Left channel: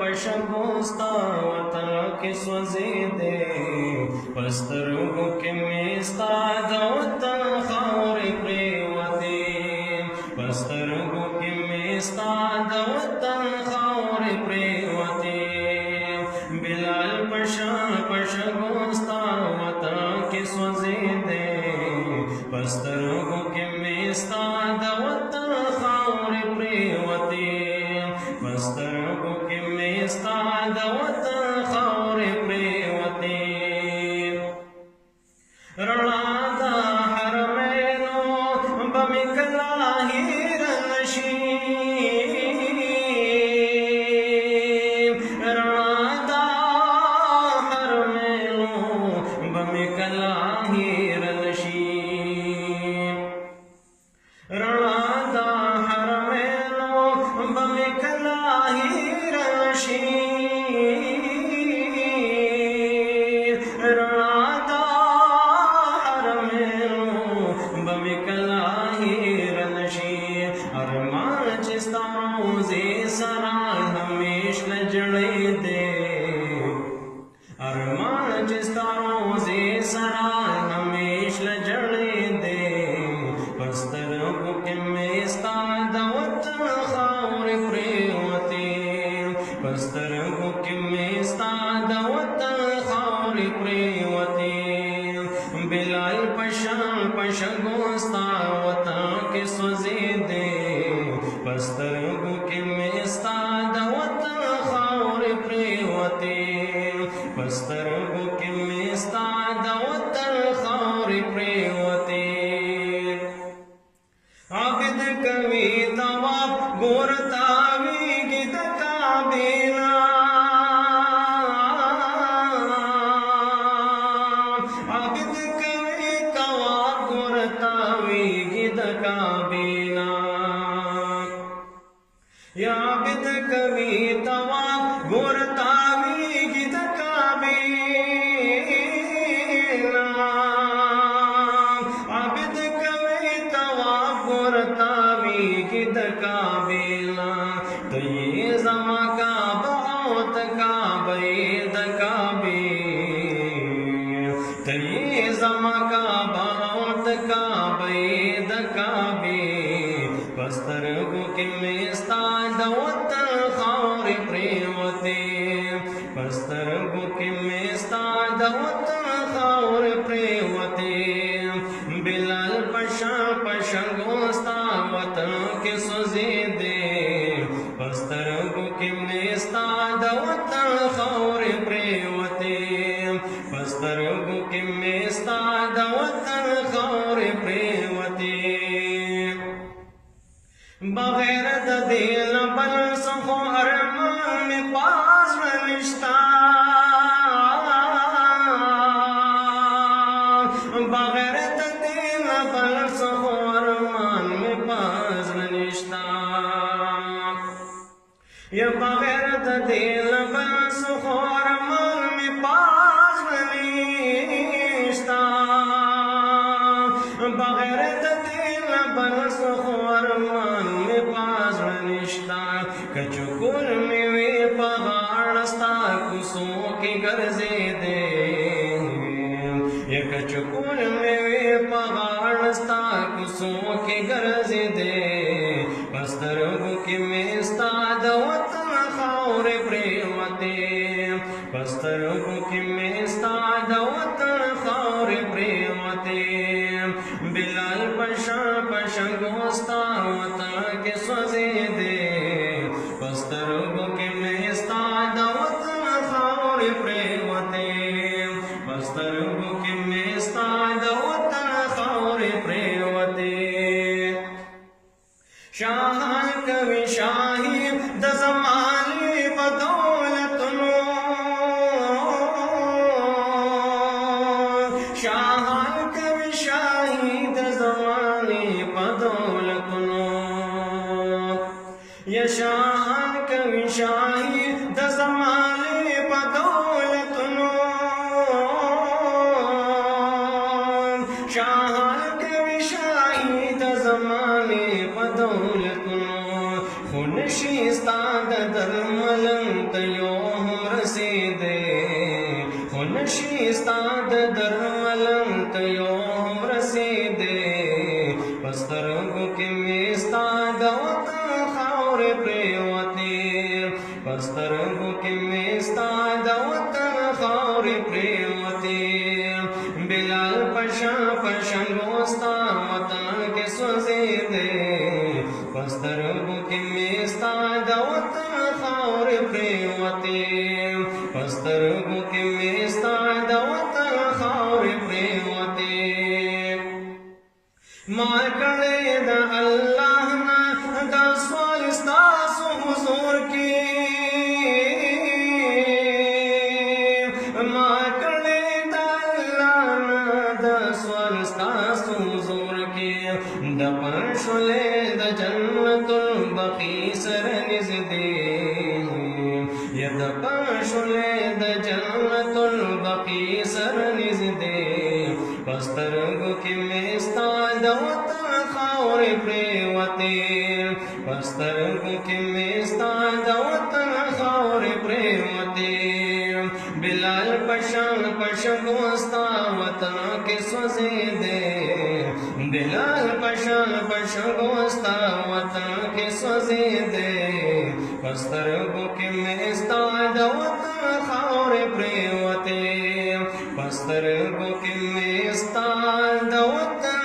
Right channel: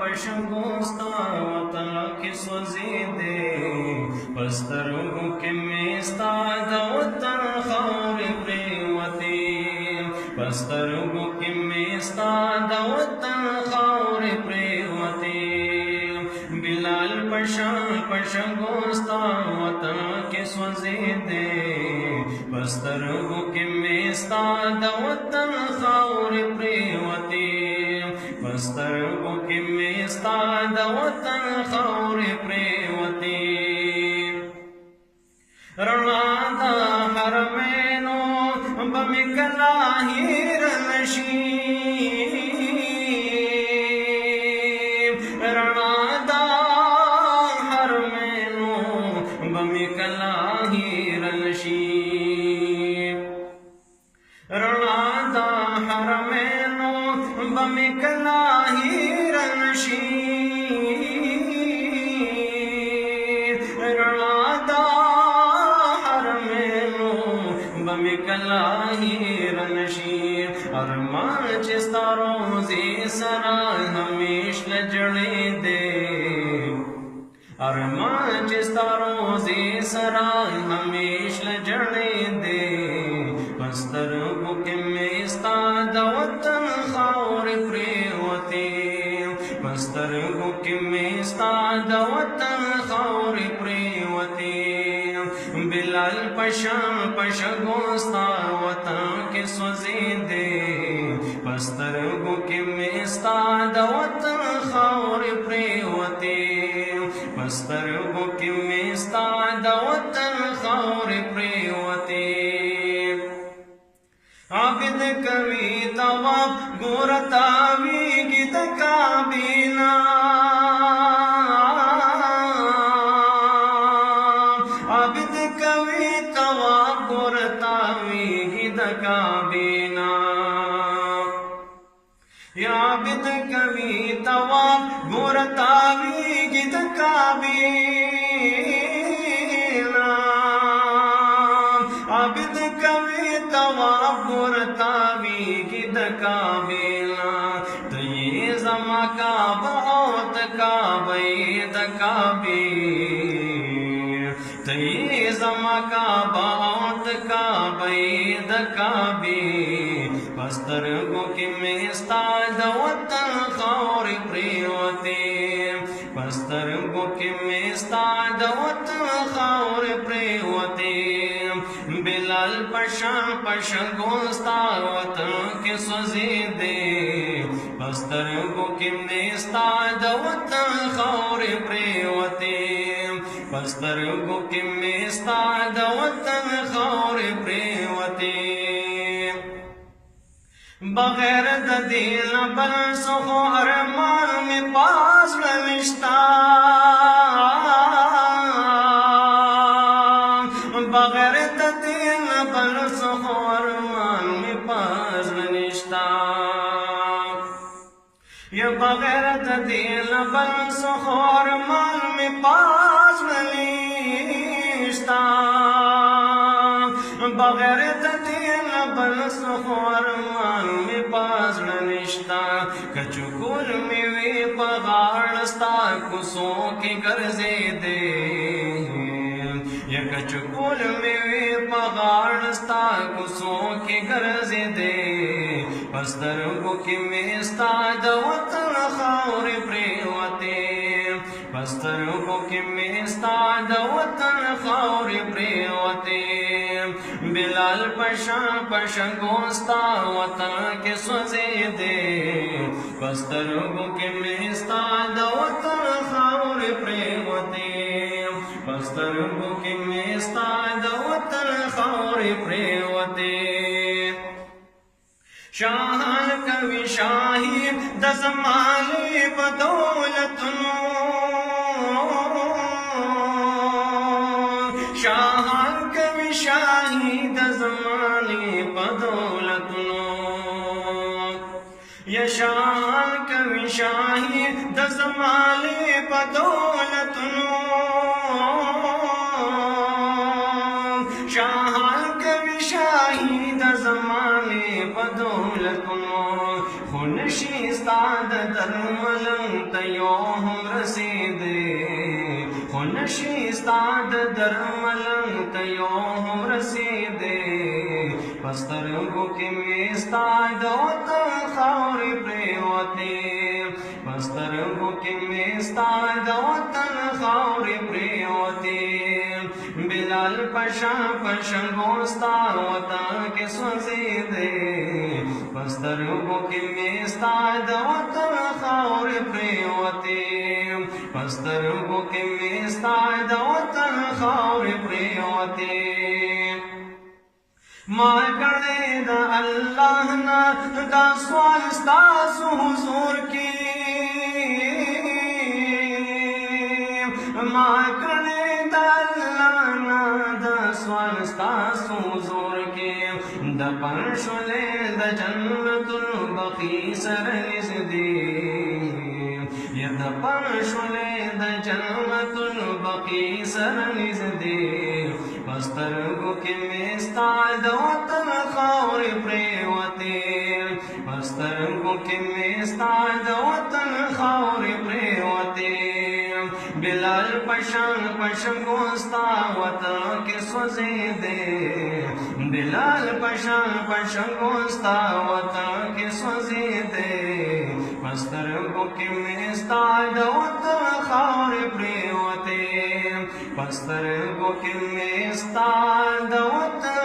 पशगोस्ता वतन के सोजेदे पस्तरगो के मेस्ता दवतन खौर प्रेवते पस्तरगो के मेस्ता दवतन खौर प्रेवते बिलाल पशगोस्ता वतन के सोजेदे पस्तरगो के मेस्ता दवतन खौर प्रेवते पस्तरगो के मेस्ता दवतन खौर प्रेवते रणादा हरमैनो बमिकला हिरनशी रणादा हरमैनो बमिकला हिरनशी रणादा हरमैनो बमिकला हिरनशी रणादा हरमैनो बमिकला हिरनशी अरमान चिस्तारों से सरा हमेश लजड़े दे अरमान चिस्तारों से सरा हमेश लजड़े दे पस्तरगो के मेस्ता दवतन खौर प्रेवते पस्तरगो के मेस्ता दवतन खौर प्रेवते बिलाल पशगोस्ता वतन के सोजेदे पस्तरगो के मेस्ता दवतन खौर प्रेवते पस्तरगो के मेस्ता दवतन खौर प्रेवते आबिद कवि तवाब गोरतावी गिद काबिना आबिद कवि तवाब गोरतावी गिद काबिना या आबिद कवि तवाब गोरतावी गिद काबिना आबिद कवि तवाब गोरतावी गिद काबिना तो ये जमा का बहुत का बैद काबी तो ये जमा का बहुत का बैद काबी पस्तरगो के मेस्ता दवतन खौर प्रेवते पस्तरगो के मेस्ता दवतन खौर प्रेवते बिलाल पशगोस्ता वतन के सोजेदे पस्तरगो के मेस्ता दवतन खौर प्रेवते पस्तरगो के मेस्ता दवतन खौर प्रेवते बगैर दिल बल सखो अरमान में पास रिश्ता बगैर दिल बल सखो अरमान में पास रिश्ता ये बगैर दिल बल सखो अरमान में पास रिश्ता बगैर दिल बल सखो अरमान में पास रिश्ता कचुकुल में वे पगाड़स्ता कुसों के गर्जे दे ये कचुकुल में वे पगाड़स्ता कुसों के गर्जे दे पस्तरगो के मेस्ता दवतन खौर प्रेवते पस्तरगो के मेस्ता दवतन खौर प्रेवते बिलाल पशगोस्ता वतन के सोजेदे पस्तरगो के मेस्ता दवतन खौर प्रेवते पस्तरगो के मेस्ता दवतन खौर प्रेवते शाह कवि शाही दजमाले बदौलतनो शाह कवि शाही दजमाले बदौलतनो या शाह कवि शाही दजमाले बदौलतनो शाह कवि शाही दजमाले बदौलतनो खुनशी स्ताद در ملنگ تیو هم رسیدے خونشیستا در ملنگ تیو هم رسیدے پسترگو کی میستا دوتن خاور پریوتے پسترگو کی میستا دوتن خاور پریوتے بلال پشا پشنگوستا وطن کے سوزیدے پسترگو کی میستا دوتن خاور پریوتے پسترگو کی میستا دوتن خاور پریوتے ما کړه د الله نه دا سوال ستاسو حضور کې ما کړه د الله نه دا سوال ستاسو حضور کې د پښولې د جنت البقیع سره نږدې یا د پښولې د جنت البقیع سره نږدې پسترگو کی میستا دوتن خاور پریوتے پسترگو کی میستا دوتن خاور پریوتے بلال پشان پشگوستا وطن کے سوزیدے بلال پشان پشگوستا وطن کے سوزیدے پسترگو کی میستا دوتن خاور پریوتے پسترگو کی میستا دوتن